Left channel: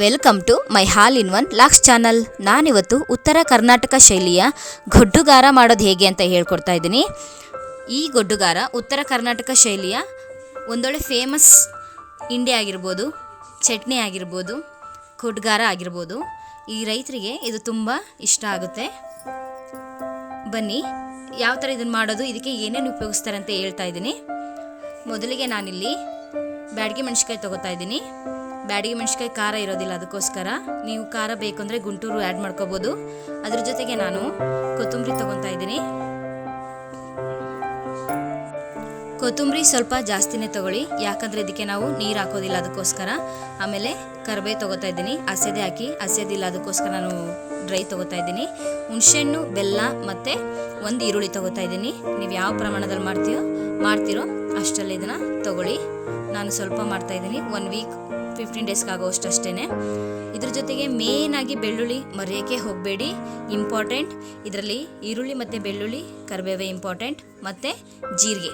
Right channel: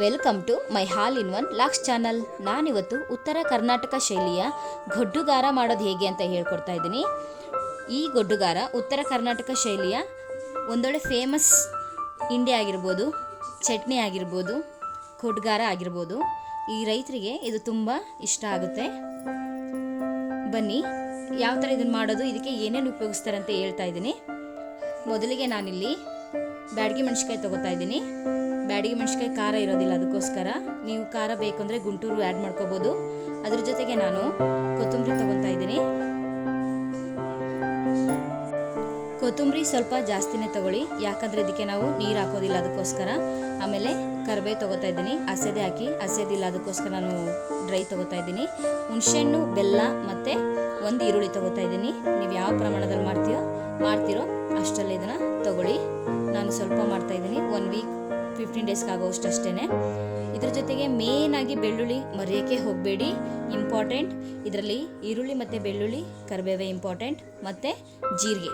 Welcome to my all in one locks channel. ನಾನಿವತ್ತು ಉತ್ತರ ಕರ್ನಾಟಕ ಶೈಲಿಯ ಗೊಡ್ಡುಗಾರ ಮಾಡೋದು ಹೇಗೆ ಅಂತ ಹೇಳ್ಕೊಡ್ತಾ ಇದ್ದೀನಿ. ಈ ಗೊಡ್ಡುಗಾರ ಉತ್ತರ ಕರ್ನಾಟಕ ಶೈಲಿಯ ಒಂದೊಳ್ಳೆ ಫೇಮಸ್ ಇಂಡಿ ಆಗಿರ್ಬೋದು, ಚಟ್ನಿ ಆಗಿರ್ಬೋದು ಗೊಡ್ಡುಗಾರ ಆಗಿರ್ಬೋದು. ಈ ರೈತರಿಗೆ ಇದು ತುಂಬ ಇಷ್ಟ ಆಗುತ್ತೆ. ಬನ್ನಿ, ಯಾವ ಥರ ಇದನ್ನು ಮಾಡೋದು, ಇದಕ್ಕೆ ಏನೇನು ಉಪಯೋಗಿಸ್ತಾರೆ ಅಂತ ಹೇಳ್ತಾ ಇದ್ದೀನಿ. ಮೊದಲಿಗೆ ನಾನಿಲ್ಲಿ ಬ್ಯಾಡಗಿ ಮೆಣಸಿನ್ಕಾಯಿ ತೊಗೋತಾ ಇದ್ದೀನಿ. ಬ್ಯಾಡಗಿ ಮೆಣಸಿನ್ಕಾಯಿ ಖಾರ ಇರೋದಿಲ್ಲ, ಅದಕ್ಕೋಸ್ಕರ ನೀವು ಖಾರ ಬೇಕಂದರೆ ಗುಂಟೂರು ಆ್ಯಡ್ ಮಾಡ್ಕೋಬೋದು. ಅದ್ರ ಜೊತೆಗೆ ನಾನು ಕೊತ್ತಂಬರಿ ತೊಗೊತಾ ಇದ್ದೀನಿ. ಕೊತ್ತಂಬರಿ ಸ್ವಲ್ಪ ಜಾಸ್ತಿನೇ ತಗೊಳ್ಳಿ, ಯಾಕಂದರೆ ಇದಕ್ಕೆ ನಾವು ನೀರು ಹಾಕೋದಿಲ್ಲ ಅದಕ್ಕೋಸ್ಕರ. ಆಮೇಲೆ ಕರ್ಬೇವು ತೊಗೋತಾ ಇದ್ದೀನಿ ಹಸೆದೆ ಹಾಕಿ ಹಸೆದಿಲ್ಲ ಅದಕ್ಕೋಸ್ಕರ ನಾನು ಡ್ರೈ ತೊಗೋತಾ ಇದ್ದೀನಿ. ಹುಣಸೆಹಣ್ಣು, ಬೆಲ್ಲ ಮತ್ತು ಒಂದು ಈರುಳ್ಳಿ ತೊಗೋತಾ ಇದ್ದೀನಿ. ನೀವು ಯಾವ ಪ್ರಮಾಣದಲ್ಲಿ ಮಾಡ್ತೀಯೋ, ಮಾಡ್ತೀರೋ ಅಷ್ಟರಲ್ಲಿ ಇದನ್ನು ತಗೊಳ್ಳಿ. ನಾನು ಸ್ವಲ್ಪ ಮಾಡ್ತಾಯಿದ್ದೀನಿ ಒನ್ ವೀಕ್ ಫಿಫ್ಟೀನ್ ಡೇಸ್ಗೆ ಆಗೋಷ್ಟು ಅಷ್ಟೇ ಇದ್ರ ಜೊತೆಗೆ ಮೇಯ್ನಾಗಿ ಬೆಳ್ಳುಳ್ಳಿ ಮರೆಯೋಕ್ಕೆ ಹೋಗಬೇಡಿ ಇಂಪಾರ್ಟೆಂಟ್ ಇದರಲ್ಲಿ ಈರುಳ್ಳಿ ಮತ್ತು ಬೆಳ್ಳುಳ್ಳಿ, ಕರಿಬೇವೆ ಇಂಪಾರ್ಟೆಂಟ್ ಮತ್ತು ಜೀರಿಗೆ.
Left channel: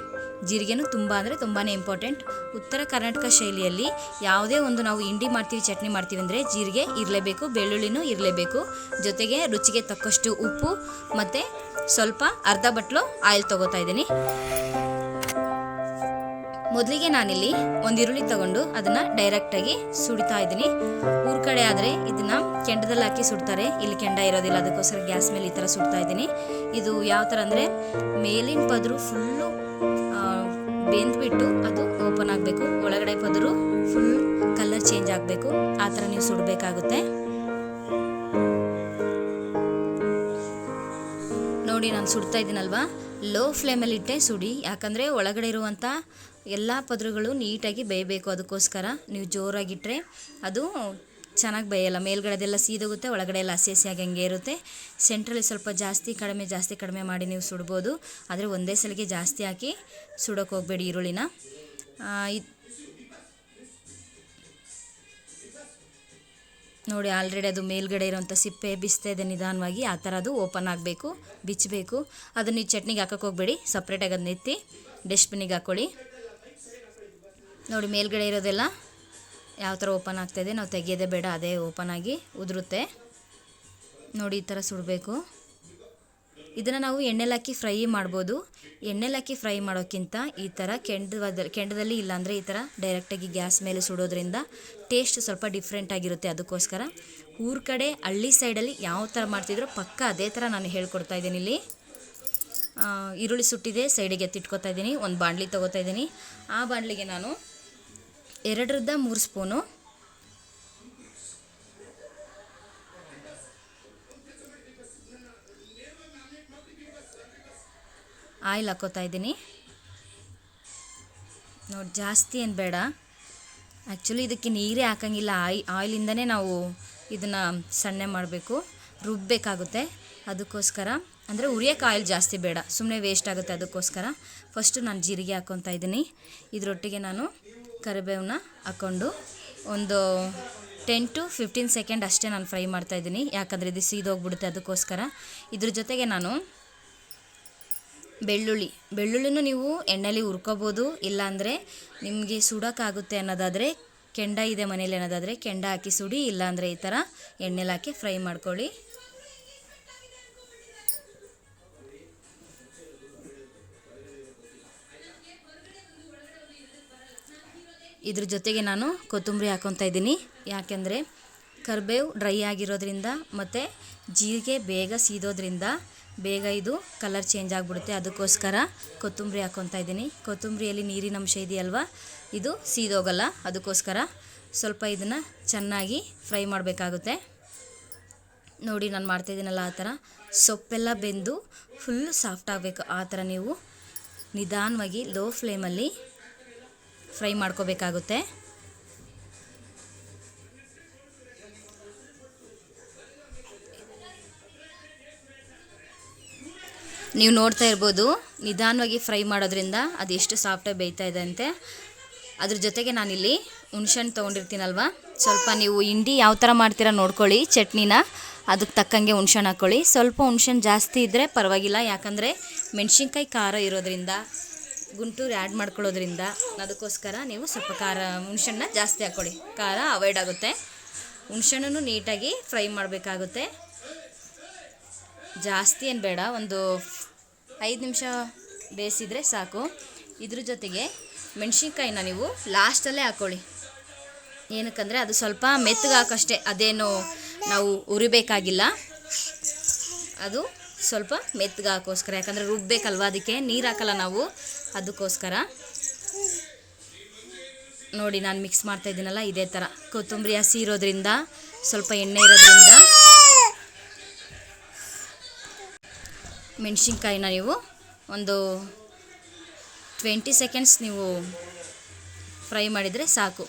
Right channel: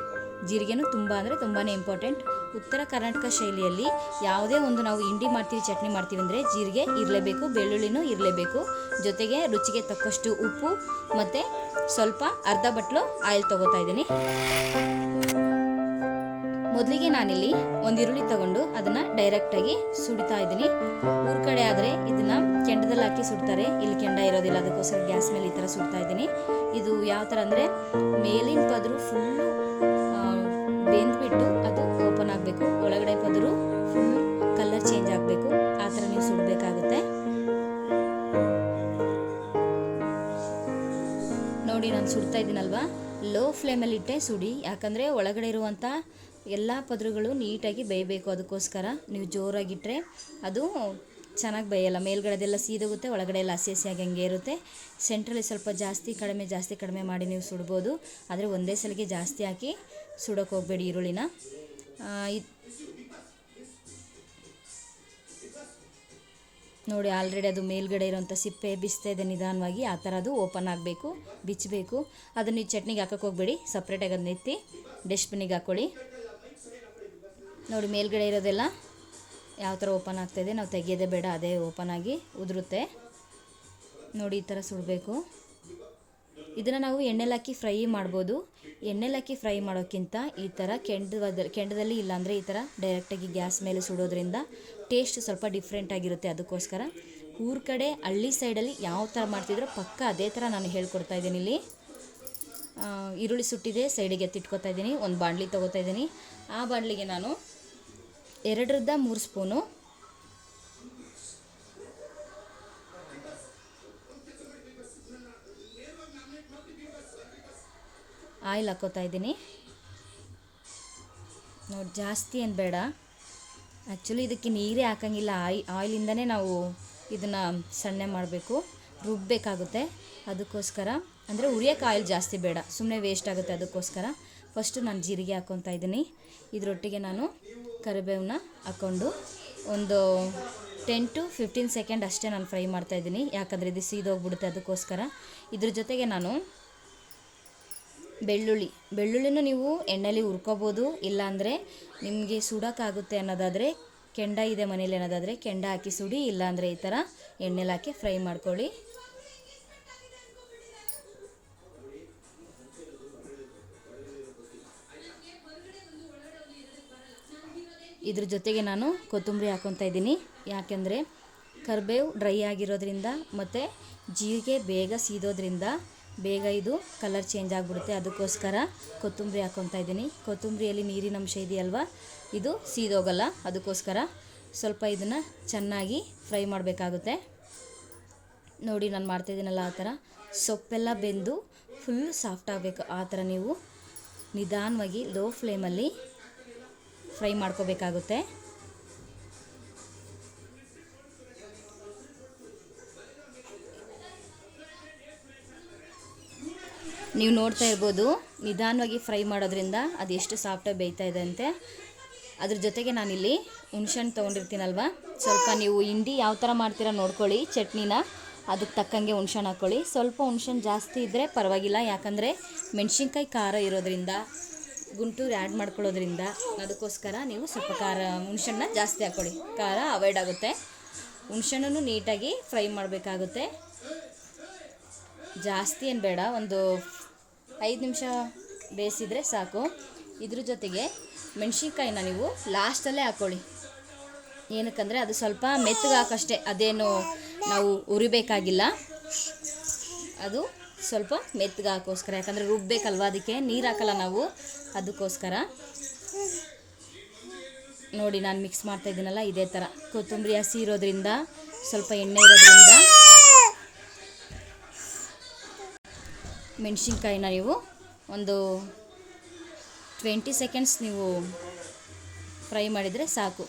ಜೀರಿಗೆನೂ ತುಂಬ ಅಂದರೆ ತುಂಬಾ ಇಂಪಾರ್ಟೆಂಟ್ ಉತ್ತರ ಕರ್ನಾಟಕ ಶೈಲಿಯಲ್ಲಿ ಯಾವುದೇ ಒಂದು ನಾವು ಇಂಡಿ ಮಾಡ್ತೀವಿ, ಚಟ್ನಿ ಮಾಡ್ತೀವಿ ಅಂದರೆ ಜೀರಿಗೆ ಇರಲೇಬೇಕು, ಬೆಳ್ಳುಳ್ಳಿನೂ ಇರಲೇಬೇಕು. ಜೊತೆಗೆ ರುಚಿಗೆ ತಕ್ಕಷ್ಟು ಉಪ್ಪು ಮತ್ತು ಸ್ವಲ್ಪ ಅರ್ಧ ಬಟ್ಲು ಆಯಿಲ್ ತೊಗೋತಾ ಇದ್ದೀನಿ. ಮೊದಲಿಗೆ ನಾನಿಲ್ಲಿ ಒಂದು ಈರುಳ್ಳಿ ತಗೊಂಡು ಅದನ್ನು ಡೈರೆಕ್ಟಾಗಿ ಸುಡಿತಾ ಇದ್ದೀನಿ. ಊರ ಕಡೆ ಆದರೆ ಇದನ್ನು ಕೆಂಡದಲ್ಲಿ ಹಾಕಿ ಸುಡ್ತಾರೆ. ಇಲ್ಲಿ ಕೆಂಡ ಇರೋದಿಲ್ಲ, ಅದಕ್ಕೋಸ್ಕರ ಗ್ಯಾಸ್ ಮೇಲೆ ಈ ಥರ ಸುಡ್ತಾ ಇದ್ದೀನಿ. ಇದು ಯಾವ ಥರ ಅಂದರೆ ಮೇಲಿನ ಪದರು ಫುಲ್ಲು ಬೆಂದ್ಬಿಟ್ಟು ಅದು ಓಪನ್ ಆಗಬೇಕು. ಒಳಗಡೆ ಪದರು ಫುಲ್ ಕಲರ್ ಚೇಂಜ್ ಆಗಬೇಕು. ಆ ಥರ ನೀವು ಸುಡಬೇಕಾಗುತ್ತೆ. ನೋಡಿ, ನಾನು ಸುಡ್ತಾ ಇದ್ದೀನಲ್ವಾ? ಲೋ ಫ್ಲೇಮಲ್ಲಿಟ್ಟೆ ಸುಡಿ. ಯಾಕಂದರೆ ಒಳಗಡೆ ಇರುವಂಥ ಎಲ್ಲ ಪದರುಗಳು ನೀಟಾಗಿ ಬೇಯಬೇಕು ಅದಕ್ಕೋಸ್ಕರ. ನೀವು ಜೋರಾಗಿಟ್ಟರೆ ಅದು ಚೆನ್ನಾಗಿ ಬೇಯಲ್ಲ. ಮೇಲ್ಗಡೆದೆಲ್ಲ ಸೀದೋಗುತ್ತೆ ಒಳಗಡೆ ಎಲ್ಲ ಹಸಿ ಹಸಿಯಾಗಿ ಹಂಗೆ ಇರುತ್ತೆ. ಸೆಂಟ್ರಲ್ಲಿ ಸ್ವಲ್ಪ ಜಾಸ್ತಿ ಕಡಿಮೆ ಜಾಸ್ತಿ ಕಡಿಮೆ ಮಾಡಿ ನೀವು ಸುಡ್ಬೋದು. ಆದರೆ ಒಂದೇ ಸಲಿಗೆ ಜಾಸ್ತಿ ಹಾಕಿ ಸುಡೋಕೆ ಹೋಗಬೇಡಿ ಈರುಳ್ಳಿನ. ನೋಡಿ, ಆಲ್ರೆಡಿ ಅದು ಮೇಲ್ಗಡೆ ಇರೋಂಥ ಸಿಪ್ಪೆ ಬಿಸ್ತಾ ಇದೆ ನಿಧಾನವಾಗಿ. ಆ ಥರ ಅದು ಓಪನ್ ಆಗಬೇಕು, ಬಿಚ್ಚಬೇಕು. ಅದನ್ನು ನೀವು ಚಟ್ನಿಗೆ ಹಾಕೋಕೆ ಹೋಗಬೇಡಿ. ಸಪ್ರೇಟಾಗಿ ಅದನ್ನ ಎತ್ತಿ, ಡಸ್ಟ್ಬಿನ್ನಿಗೆ ಹಾಕ್ಕೊಳ್ಳಿ ನೋಡಿ, ಮೇಲ್ಗಡೆ ಇರೋದೆಲ್ಲ ಯಾವ ಥರ ಓಪನ್ ಆಗ್ತಾಯಿದೆ ನಾವು ತೆಗಿಯೋದೇ ಬೇಡ, ಅದೇ ಓಪನ್ ಆಗಿ ಉದುರುತ್ತೆ. ನೋಡಿ, ಈ ಥರ ಸುಡಬೇಕು. ಇದನ್ನು ನಾವು ಎಣ್ಣೆಲಾಕಿ ಫ್ರೈ ಮಾಡ್ಬೋದು. ಎಣ್ಣೆಲಾಕಿ ಫ್ರೈ ಮಾಡೋಕ್ಕಿಂತ ಈ ಥರ ಕೆಂಡದ ಕೆಂಡದಲ್ಲಿ ಇಲ್ಲಾಂದರೆ ಈ ಥರ ಡೈರೆಕ್ಟಾಗಿ ಗ್ಯಾಸ್ ಮೇಲೆ ಸುಡೋದ್ರಿಂದ ಟೇಸ್ಟ್ ಸ್ವಲ್ಪ ಡಿಫ್ರೆಂಟ್ ಆಗಿರುತ್ತೆ. ಅದಕ್ಕೋಸ್ಕರ ಊರ ಕಡೆ, ಹಳ್ಳಿ ಸೈಡಲ್ಲಿ ಯಾವ ಥರ ಮಾಡ್ತಿದ್ರೋ ಪಕ್ಕ ಅದೇ ಥರ ನಾನು ಹೇಳ್ಕೊಡ್ತಾ ಇದ್ದೀನಿ ಇಲ್ಲಿ. ಈರುಳ್ಳಿ ಸುಟ್ಟಿದೆ ಸೈಡಿಗೆ ಎತ್ತಿಟ್ಕೊತಾ ಇದ್ದೀನಿ, ಒಂದು ಬಾಣಲಿ ತೊಗೋತಾ ಇದ್ದೀನಿ. ಆ ಬಾಣಲಿಗೆ ನಾನು ಎರಡರಿಂದ ಮೂರು ಸ್ಪೂನು. ಆಯಿಲ್ ಹಾಕೋತಾ ಇದ್ದೀನಿ. ನೋಡಿ, ಜಾಸ್ತಿ ಏನು ಬೇಡ. ಆ್ಯಕ್ಚುಲಿ ಇದಕ್ಕೆ ನೀರೇ ಹಾಕಂಗಿಲ್ಲ. ಆಯ್ ಆಯಿಲಿಂದನೇ ನಾವು ಇದನ್ನು ಸಣ್ಣ ಮಾಡಬೇಕು. ರುಬ್ಬಬೇಕಾಗುತ್ತೆ ಅದಕ್ಕೋಸ್ಕರ. ಅಂದರೆ ಉರಿಯೋಕೆ ಆಯಿಲ್ ಜಾಸ್ತಿ ಬೇಡ. ಸುಮ್ಮನೆ ವೇಸ್ಟ್ ಆಗುತ್ತೆ ಅದಕ್ಕೋಸ್ಕರ. ಫಸ್ಟು ನಾನು ಜೀರಿಗೆ ಹಾಕ್ಕೊತಾ ಇದ್ದೀನಿ. ಇದರೊಟ್ಟಿಗೆ ನಾನು ಕರಿಬೇವನ್ನ ಹಾಕ್ಕೊಂಡು ಒಂದು ಟೆನ್ ಟು ಫಿಫ್ಟೀನ್ ಸೆಕೆಂಡ್ ಅಷ್ಟೇ ನಾನು ಫ್ರೈ ಮಾಡ್ತಾಯಿದ್ದೀನಿ ಯಾಕಂದರೆ ಇದು ಸೀದೋಗ್ಬಿಡುತ್ತೆ ಅದಕ್ಕೋಸ್ಕರ. ಇದ್ರ ಜೊತೆಗೆ ನಾನು ಬೆಳ್ಳುಳ್ಳಿ. ಬೆಳ್ಳುಳ್ಳಿನೂ ನೀವು ಎಣ್ಣೆಲಿ ಹುರ್ಕೋಬೋದು. ಇಲ್ಲಾಂದರೆ ನಿಮಗೆ ಸುಡೋಕ್ಕಾಗುತ್ತೆ ಅನ್ನೋದಾದರೆ ಕೆಂಡ ಇದೆ ಮನೇಲಿ ಅನ್ನೋದಾದರೆ ಕೆಂಡ ಹಾಕಿ ಸುಡಿ, ಇಲ್ಲಾಂದರೆ ಈ ಥರ ಎಣ್ಣೆಲಿ ಹಾಕಿ ಫ್ರೈ ಮಾಡ್ಕೊಳ್ಳಿ. ಇದ್ರ ಜೊತೆಗೆ ನಾನು ಕೊತ್ತಂಬರಿ ಹಾಕೊತಾ ಇದ್ದೀನಿ. ಯಾಕೆಂದರೆ ಕರಿಬೇವು ಡ್ರೈ ಆಗಿರೋದ್ರಿಂದ ಮತ್ತು ಜೀರಿಗೆ ಬೇಗ ಸೀದೋದ್ರಿಂದ ಬೇಗ ಇದು ಕಲರ್ ಚೇಂಜ್ ಆಗಿಬಿಡುತ್ತೆ. ಅದಕ್ಕೋಸ್ಕರ ಕೊತ್ತಂಬರಿ ಹಾಕೊತಾ ಇದ್ದೀನಿ. ಕೊತ್ತಂಬರಿಯಲ್ಲಿ ನೀರಿನ ಅಂಶ ಇದೆಯಲ್ವಾ? ಇದು ಸೀದೋಗಲ್ಲ. ಅದಕ್ಕೋಸ್ಕರ ಸ್ವಲ್ಪ ಇದನ್ನು ಚೆನ್ನಾಗಿ ಫ್ರೈ ಮಾಡಬೇಕಾಗುತ್ತೆ. ನೋಡಿ ನಾನು ಮಾಡ್ತಾಯಿದ್ದೀನಲ್ಲ ಆ ಥರ. ಸೊಪ್ಪೆಲ್ಲ ಬೆಂದು ಫುಲ್ ಸಾಫ್ಟ್ ಆಗಬೇಕು. ಆ ಥರ ನೀವು ನಿಧಾನವಾಗಿ ಲೋ ಫ್ಲೇಮಲ್ಲಿ ಫ್ರೈ ಮಾಡ್ಕೋಬೇಕಾಗುತ್ತೆ. ನೀವು ನೋಡ್ತಾ ಇರ್ಬೋದು, ನಿಧಾನವಾಗಿ ಫ್ರೈ ಮಾಡೋದ್ರಿಂದ ಅದು ಎಷ್ಟು ಸಾಫ್ಟಾಗಿ ಬೇಯ್ತಾ ಇದೆ ಅಂತೆ. ಅದ್ರ ಜೊತೆಗೆ ನಾನಿಲ್ಲಿ ಹುಣ್ಸೆಹಣ್ಣು ತೊಗೊಂಡಿರ್ತೀನಲ್ವ? ಸ್ವಲ್ಪ ನೀವು ಹಿಂಡಿ ಯಾವ ಥರ ಮಾಡ್ತೀರಾ ನೋಡ್ಕೊಳ್ಳಿ, ಚಟ್ನಿನ. ಅದಕ್ಕೆ ತಕ್ಕಂಗೆ ಹುಣ್ಸೆಹಣ್ಣು ಹಾಕ್ಕೊಳ್ಳಿ ಸ್ವಲ್ಪ ಹುಣ್ಸೆಹಣ್ಣು ಜಾಸ್ತಿ ಇದ್ದರೆ ಪರವಾಗಿಲ್ಲ, ಯಾಕಂದರೆ ಮೆಣಸಿನ್ಕಾಯಿ ಖಾರ ಇರೋದ್ರಿಂದ ಗುಂಟೂರು ಆ್ಯಡ್ ಮಾಡ್ಕೊಳ್ಳೋದ್ರಿಂದ ಅದಕ್ಕೋಸ್ಕರ ನೀವು ಸ್ವಲ್ಪ ಖಾರ ಹುಣ್ಸೆಣ್ಣ ಜಾಸ್ತಿ ಹಾಕ್ಕೊಳ್ಳಿ ಖಾರ ಅವಾಯ್ಡ್ ಆಗುತ್ತೆ. ಹುಣ್ಸೆಣ್ಣು ನೀಟಾಗಿ ಫ್ರೈ ಮಾಡಬೇಕಾಗುತ್ತೆ. ಜಾಸ್ತಿ ಏನು ಬೇಡ, ಒಂದು ಐದು ನಿಮಿಷ ಬೇಯಿಸಿದರೆ ಸಾಕು. ಇದ್ರ ಜೊತೆಗೆ ಮೆಣಸಿನ್ಕಾಯಿನ ನೀವು ಲಾಸ್ಟಲ್ಲೇ ಹಾಕ್ಕೊಳ್ಳಿ. ಏನಕ್ಕಂದರೆ ಅದು ಸ್ವಲ್ಪ ಮೆತ್ತಗೆ ಹಾಕಷ್ಟೇ ಅದೇನು ನಾವು ಉರಿಬೇಕಾಗಿಲ್ಲ. ಅದು ಸ್ವಲ್ಪ ಮೆತ್ತಗೆ ಹಾಕೋಸ್ಕರ, ಯಾಕಂದರೆ ರುಬ್ಬೇಕಲ್ವ ಅದಕ್ಕೆ? ನೀರು ಹಾಕಲ್ಲ ನಾವು. ಅದಕ್ಕೋಸ್ಕರ. ನೋಡಿ, ನಾನು ಮಿಕ್ಸ್ ಮಾಡ್ತಾ ಇದ್ದೀನಲ್ಲ, ಇದೇ ಥರ ಕೊತ್ತಂಬರಿ ಹಸಿ ಇರೋದ್ರಿಂದ, ಸ್ವಲ್ಪ ಎಣ್ಣೆ ಇರೋದ್ರಿಂದ. ಮೆಣಸಿನ್ಕಾಯಿನ ನೀವು ಒಂದು ಟ್ವೆಂಟಿ ಸೆಕೆಂಡ್ಸ್ ನೀವು ಫ್ರೈ ಮಾಡಿದರೆ ಸಾಕು.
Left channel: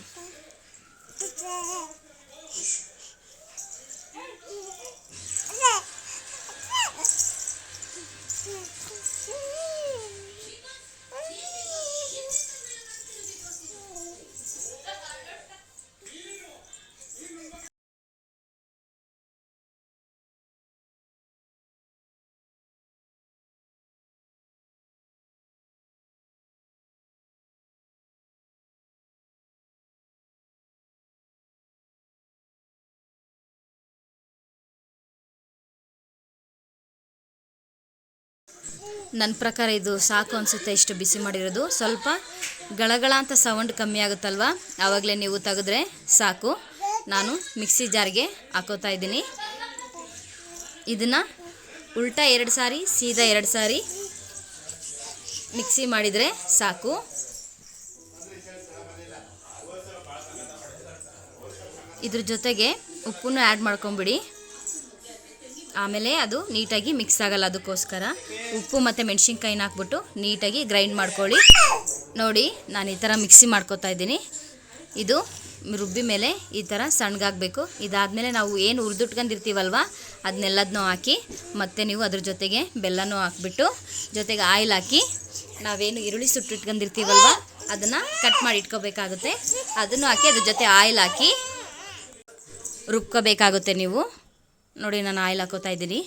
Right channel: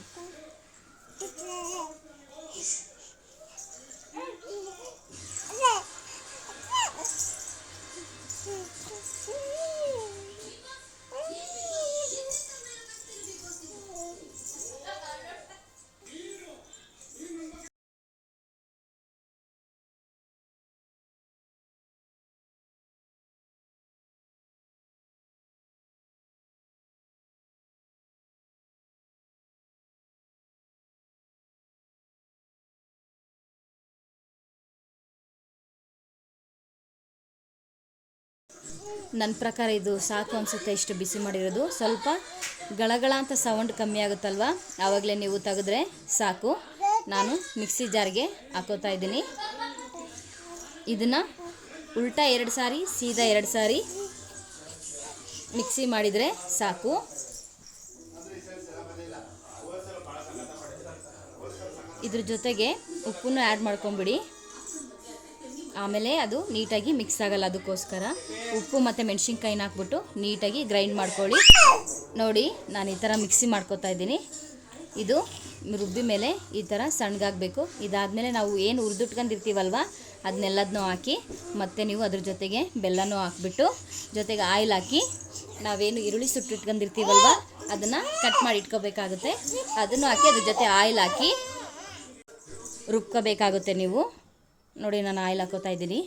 ನನ್ನ ಪ್ರಕಾರ ಇದು ಸಾಕು ಅನಿಸುತ್ತೆ, ಇಷ್ಟು ಬಿಸಿ ಮಾಡಿರೋದು. ಸ್ವಲ್ಪ ಗಳಗಳ ಅಂತ ಸೌಂಡ್ ಕಮ್ಮಿ ಆಗುತ್ತಲ್ವ? ಆವಾಗಲೇ ನೀವು ತೆಗೆದ್ರೆ ಸಾಕು. ನಾನು ಮಿಕ್ಸಿ ಜಾರ್ಗೆ ಹಾಕೋತಾ ಇದ್ದೀನಿ. ಇದನ್ನು ಉಲ್ಟಾ ಎರಡು ಸಾರಿ, ಸೀದಾ ಎರಡು ಸಾರಿ ಮಿಕ್ಸಿ ಮಾಡಿದರೆ ಸಾಕು. ಇದ್ರ ಜೊತೆಗೆ ಉಪ್ಪನ್ನು ಆ್ಯಡ್ ಮಾಡ್ಕೊಂಬಿಡಿ. ಆಮೇಲೆ ಅದು ನೀಟಾಗಿ ಮಿಕ್ಸ್ ಆಗಲ್ಲ ಅದಕ್ಕೋಸ್ಕರ. ಉಪ್ಪು ಮತ್ತು ಮೆಣಸಿನ್ಕಾಯಿನ ಹಾಕ್ಬಿಟ್ಟು ನೀಟಾಗಿ ಗ್ರೈಂಡ್ ಮಾಡ್ಕೊಳ್ಳಿ. ನೋಡಿ, ನಾನು ಈ ಥರ ಮಿಕ್ಸಿ ಮಾಡ್ಕೊತಾ ಇದ್ದೀನಿ. ಇದು ರುಬ್ಬಿ ಮೇಲೆ ಈ ಥರ ಸಣ್ಣಗಾಗಬೇಕು. ಇದಾದಮೇಲೆ ನಾವು ಏನು ಹುರಿದಿಟ್ಕೊಂಡಿರ್ತೀವಲ್ವ, ಅದನ್ನೆಲ್ಲದನ್ನೂ ಹಾಕಿ, ಮತ್ತು ನೀವು ಅದ್ರ ಜೊತೆಗೆ ಬೆಲ್ಲನೂ ಹಾಕ್ಬಿಟ್ಟು, ಜೊತೆಗೆ ಆಯಿಲ್ ಹಾಕಿ, ನಾವೇನು ಈರುಳ್ಳಿ ಸುಟ್ಟಿಟ್ಕೊಂಡಿರ್ತೀವಲ್ವ, ಅದನ್ನು ಕಟ್ ಮಾಡಿ ಇಟ್ಕೋಬೇಕಾಗುತ್ತೆ. ಅದನ್ನು ಹಾಕಿ ಅದ್ರ ಜೊತೆ ಆಯಿಲ್ ಹಾಕಿ, ರುಬ್ಕೋಬೇಕಾಗುತ್ತೆ ನೀವು. ನೋಡಿ ನಾನು ಆಯಿಲ್ ಹಾಕೋತಾ ಇದ್ದೀನಿ.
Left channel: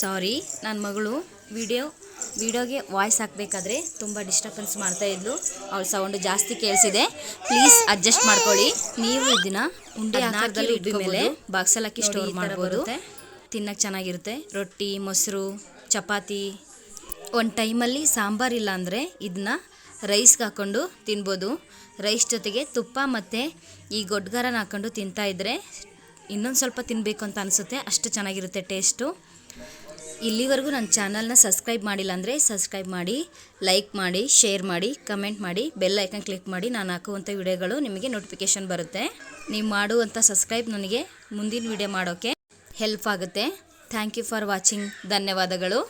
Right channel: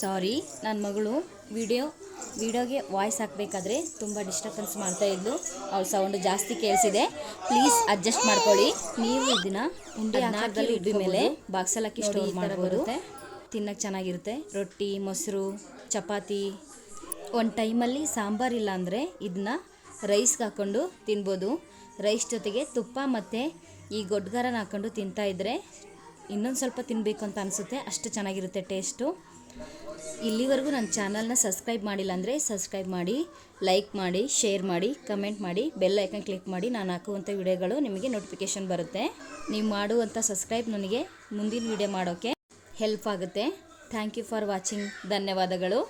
ಸಾರಿ ನನ್ನ ಮಗಳು ವಿಡಿಯೋ ವಿಡಿಯೋಗೆ ವಾಯ್ಸ್ ಹಾಕಬೇಕಾದ್ರೆ ತುಂಬ ಡಿಸ್ಟರ್ಬೆನ್ಸ್ ಮಾಡ್ತಾ ಇದ್ಲು. ಅವಳ ಸೌಂಡ್ ಜಾಸ್ತಿ ಕೇಳಿಸಿದೆ. ಪ್ಲೀಸ್ ಅಡ್ಜಸ್ಟ್ ಮಾಡ್ಕೊಳ್ಳಿ. ನೀವು ಇದನ್ನ ಉಂಡೆ ಆಕಾರದಲ್ಲಿ ಇಟ್ಟು ಮೇಲೆ ಬಾಕ್ಸಲ್ಲಿ ಹಾಕಿ ಸ್ಟೋರ್ ಮಾಡ್ಬೋದು. ತಿನ್ನಕ್ಕೆ ಚೆನ್ನಾಗಿರುತ್ತೆ. ರೊಟ್ಟಿ ಮೊಸರು ಚಪಾತಿ ಒಂದು ಟೈಮಲ್ಲಿ ಸಾಂಬಾರಿಲ್ಲ ಅಂದರೆ ಇದನ್ನ ರೈಸ್ಗೆ ಹಾಕ್ಕೊಂಡು ತಿನ್ಬೋದು. ರೈಸ್ ಜೊತೆಗೆ ತುಪ್ಪ ಮತ್ತು ಈ ಗೊಡ್ಗರನ ಹಾಕ್ಕೊಂಡು ತಿಂತಾ ಇದ್ದರೆ ಇನ್ನೊಂದು ಸ್ವಲ್ಪ ತಿನ್ನಬೇಕು ಅಂತ ಅನಿಸುತ್ತೆ. ಅಷ್ಟು ಚೆನ್ನಾಗಿರುತ್ತೆ ಟೇಸ್ಟು ಇಲ್ಲಿವರೆಗೂ ನನ್ನ ಚಾನಲ್ನ ಸಬ್ಸ್ಕ್ರೈಬ್ ಮಾಡಿಲ್ಲ ಅಂದರೆ ಸಬ್ಸ್ಕ್ರೈಬ್ ಮಾಡಿ ಲೈಕ್ ಮಾಡಿ ಶೇರ್ ಮಾಡಿ ಕಮೆಂಟ್ ಮಾಡಿ ಬೆಲ್ ಐಕನ್ ಕ್ಲಿಕ್ ಮಾಡಿ. ನಾನು ಹಾಕುವಂಥ ವಿಡಿಯೋಗಳು ನಿಮಗೆ ನೋಟಿಫಿಕೇಷನ್ ಬರುತ್ತೆ. ನೀವು ಮಾಡುವಂಥ ಸಬ್ಸ್ಕ್ರೈಬ್ ನನಗೆ ಮುಂದಿನ ವಿಡಿಯೋ ಮಾಡೋಕ್ಕೆ ಹೆಲ್ಪ್ ಆಗುತ್ತೆ. ಥ್ಯಾಂಕ್ ಯು ಫಾರ್ ವಾಚಿಂಗ್ ಧನ್ಯವಾದಗಳು.